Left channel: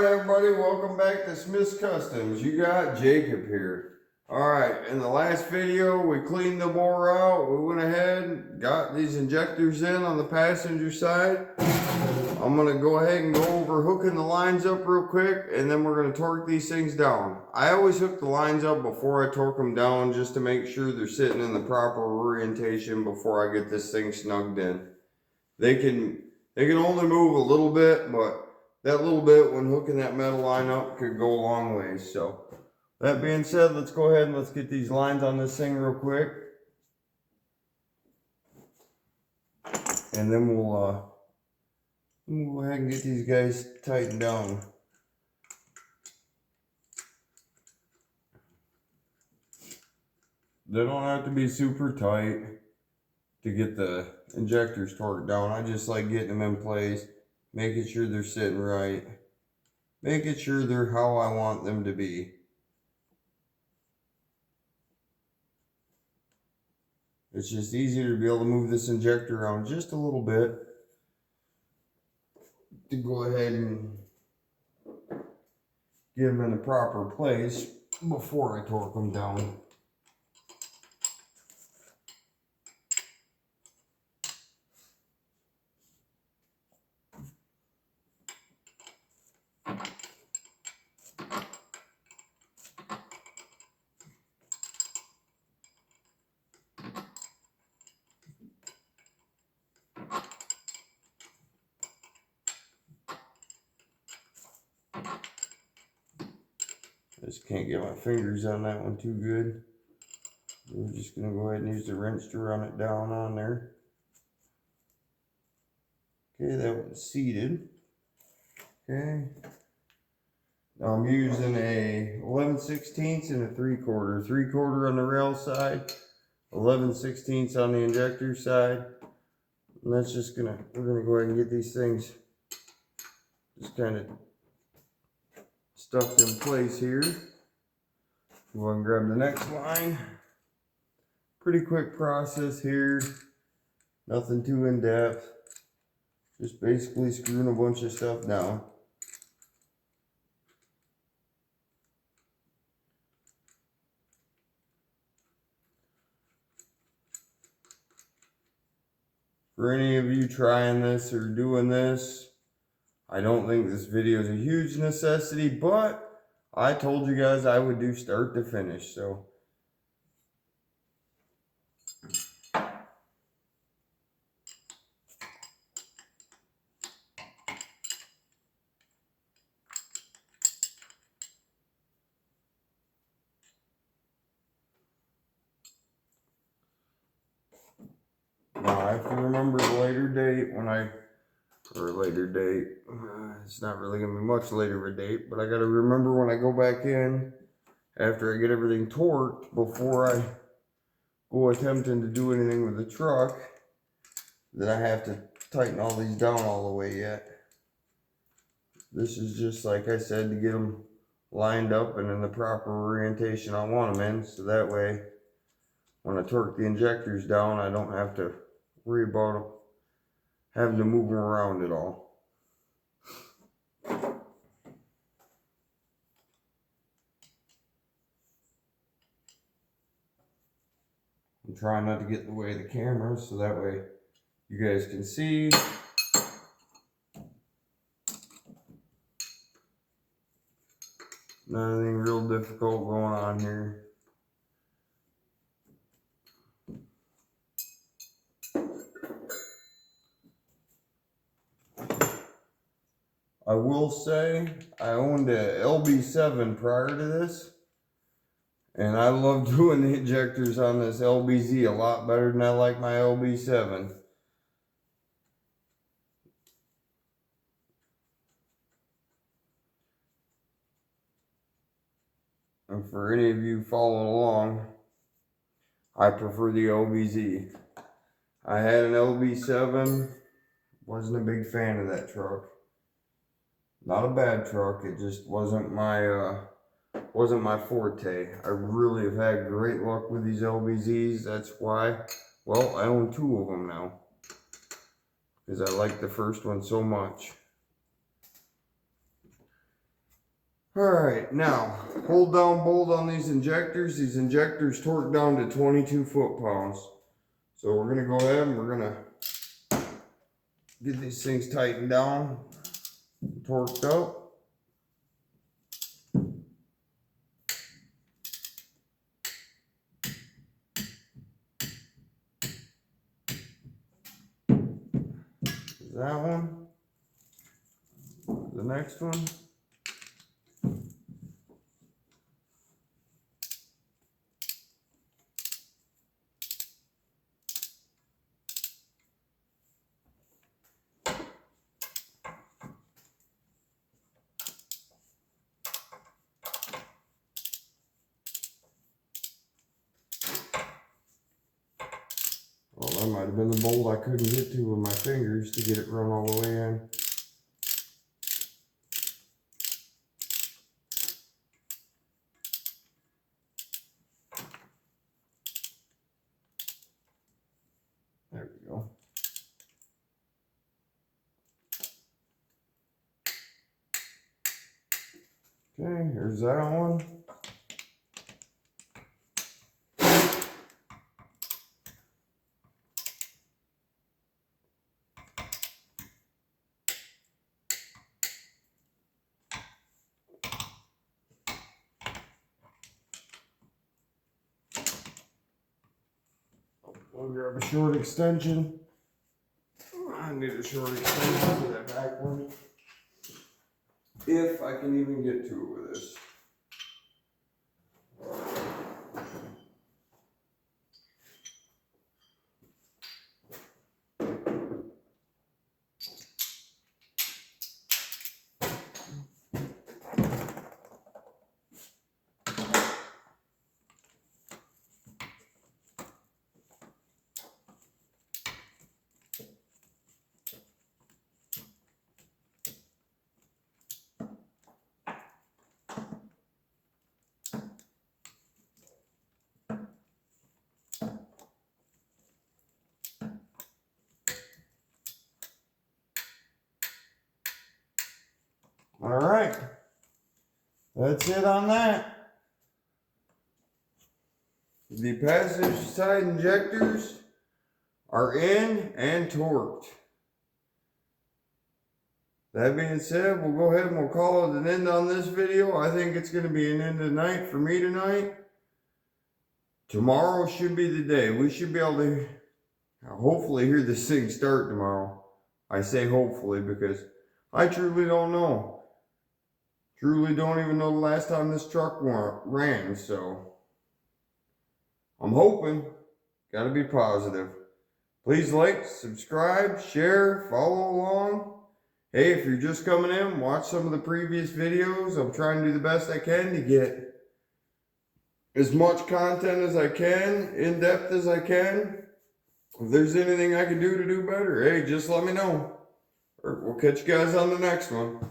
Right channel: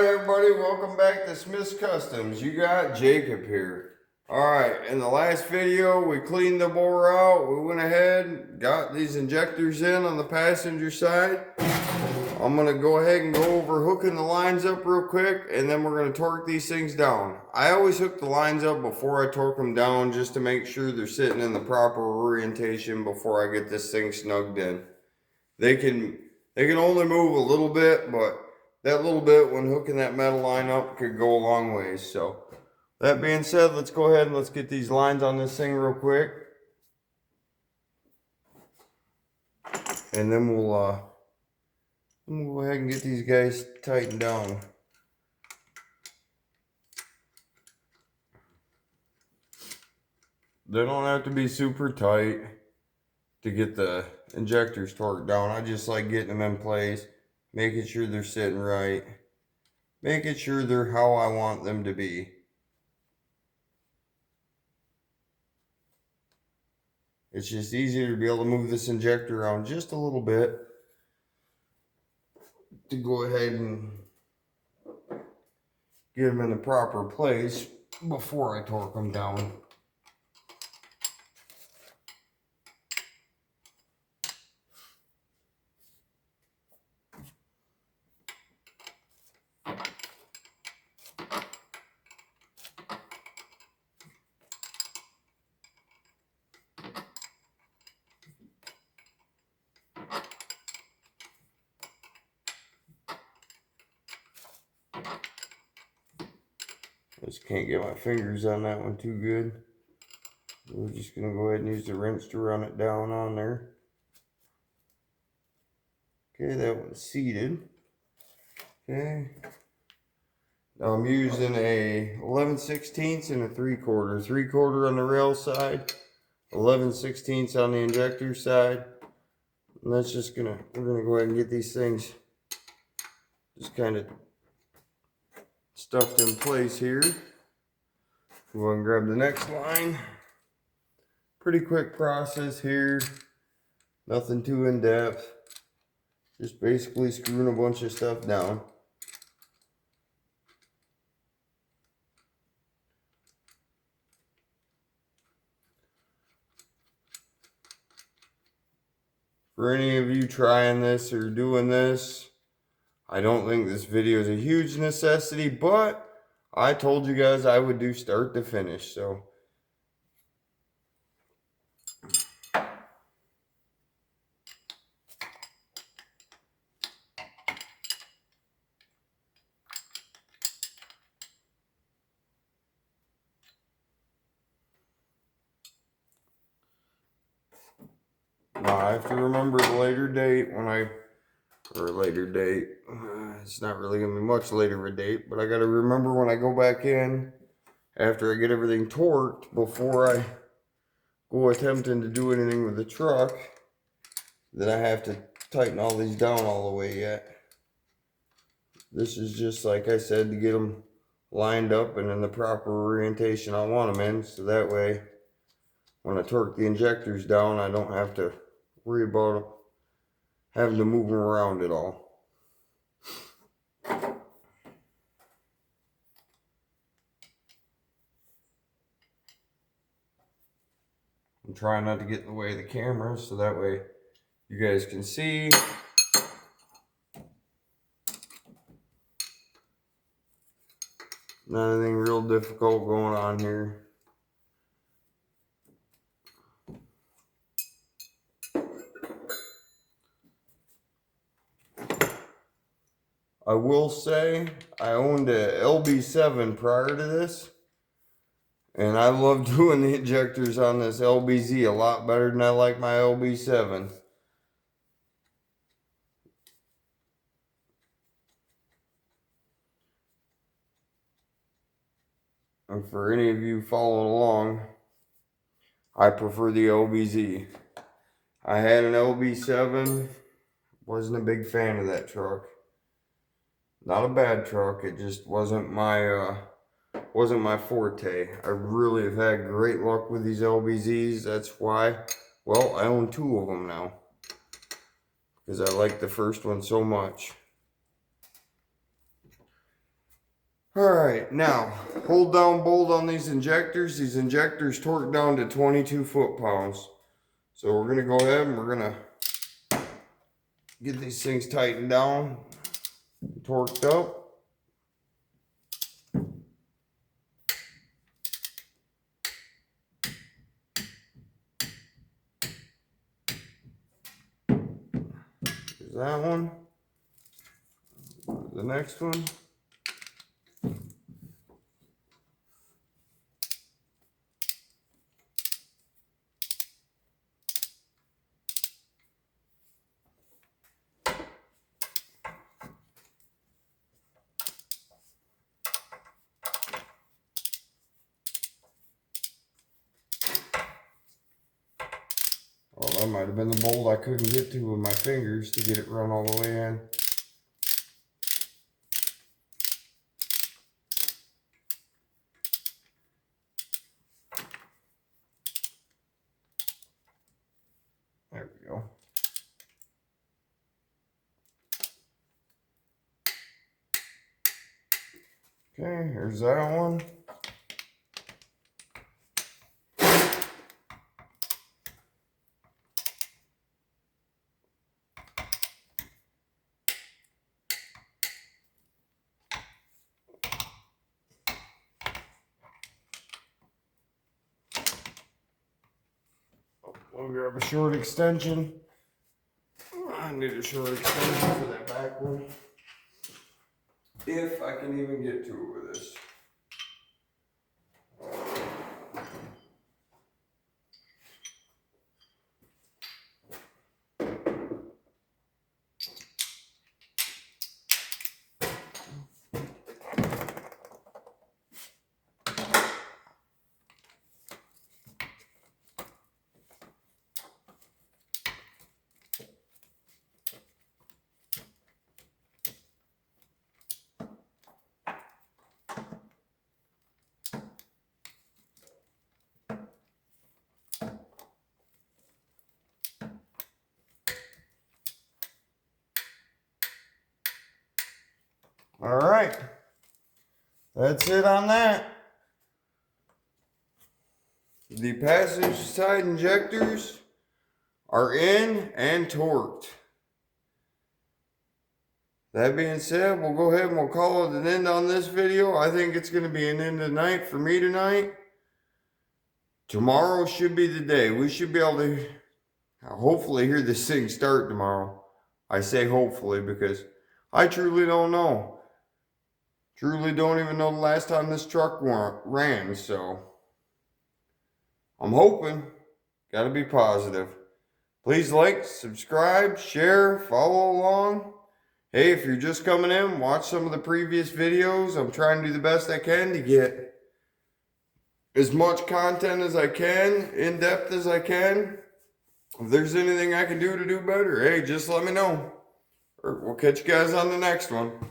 Alright everybody, welcome back to Smith's Customs. You got Jacob here. Alright, in the last video we cleaned the bore out. We went ahead and got these injectors in on the passenger side. I'm going to go ahead and go over hooking the lines up real quick, and then we're going to torque these things down. I always hook the lines up before I torque them down just to make sure they're sitting in the proper orientation before I get this thing snugged in. They can only move a little bit, but that little bit when hooking that metal line up could go a long ways. So that being said, let's go ahead and let's get these lines on this thing real quick. And then we'll go ahead and get these guys tightened down. They don't have to be super tight to get the injectors torqued down. I just like getting them in place, making sure they're sitting right, making sure they're how I want them to be. It's just easier to be able to move this injector around just a little bit to go ahead and get them in the proper place before I torque them down. Just can't get my fingers on that one too good. We're just going to go ahead and use the wrench to run it down on there. Okay, that one's seated. Okay. Now I'm using a 11/16 and a 3/4. 3/4 on the rail side, 11/16 on the injector side. And that's just we're gonna go ahead and get these things just kind of stuffed in place here. Go ahead and grab the next line. Pretty quick process here. Nothing too in depth. Just basically screwing a bunch of stuff down. For any of you trying this or doing this, I don't think this video is a huge necessity, but I told you guys I would do start to finish, so. Now I have to remember the later date it's not really going to be much later of a date, but I got to remember when I go back in, after I get everything torqued, before I go attempting to do anything with the truck, that I have to tighten all these down all the way yet. This is just, like I said, to get them lined up and in the proper orientation I want them in, so that way when I torque the injectors down, I don't have to worry about having to move them around at all. I'm trying not to get in the way of the camera, so that way you guys can see. Nothing real difficult going on here. I will say I owned a LB7 prior to this, and I love doing the injectors on this LBZ a lot better than I like my LB7. And for any of you following along, I prefer the LBZ. I had an LB7, wasn't a big fan of that truck. Not a bad truck, it just wasn't my forte. I really have had great luck with these LBZs. That's why, well, I own 2 of them now, because I like the first one so much. Alright, now, hold down bolt on these injectors. These injectors torque down to 22 foot-pounds. So we're gonna go ahead and we're gonna get these things tightened down, torqued up. There's that one. The next one. Well, that might have been the bolt I couldn't get to with my fingers to get it run all the way in. There we go. Okay, here's that one. We'll grab a short extension. I need a short extension for that back one. If I can even get to it with this. All right, that's it on that. The passenger side injectors are in and torqued. That being said, we'll go ahead and we'll call it an end on this video. I think it's going to be an end tonight for me tonight. Tomorrow should be the day. We should be able to hopefully hear this thing start tomorrow. I say hopefully because I truly don't know. Truly don't even know the last time this truck ran, so I'm hoping. Gotta be positive. Please like, subscribe, share, follow along. Hey, if you're just coming in, watch some of the previous videos. I'm trying to do the best I can to get as much content as I can, in depth as I can. If there's anything I can do to do better, hey, just let me know. Or we'll catch you guys on the next one.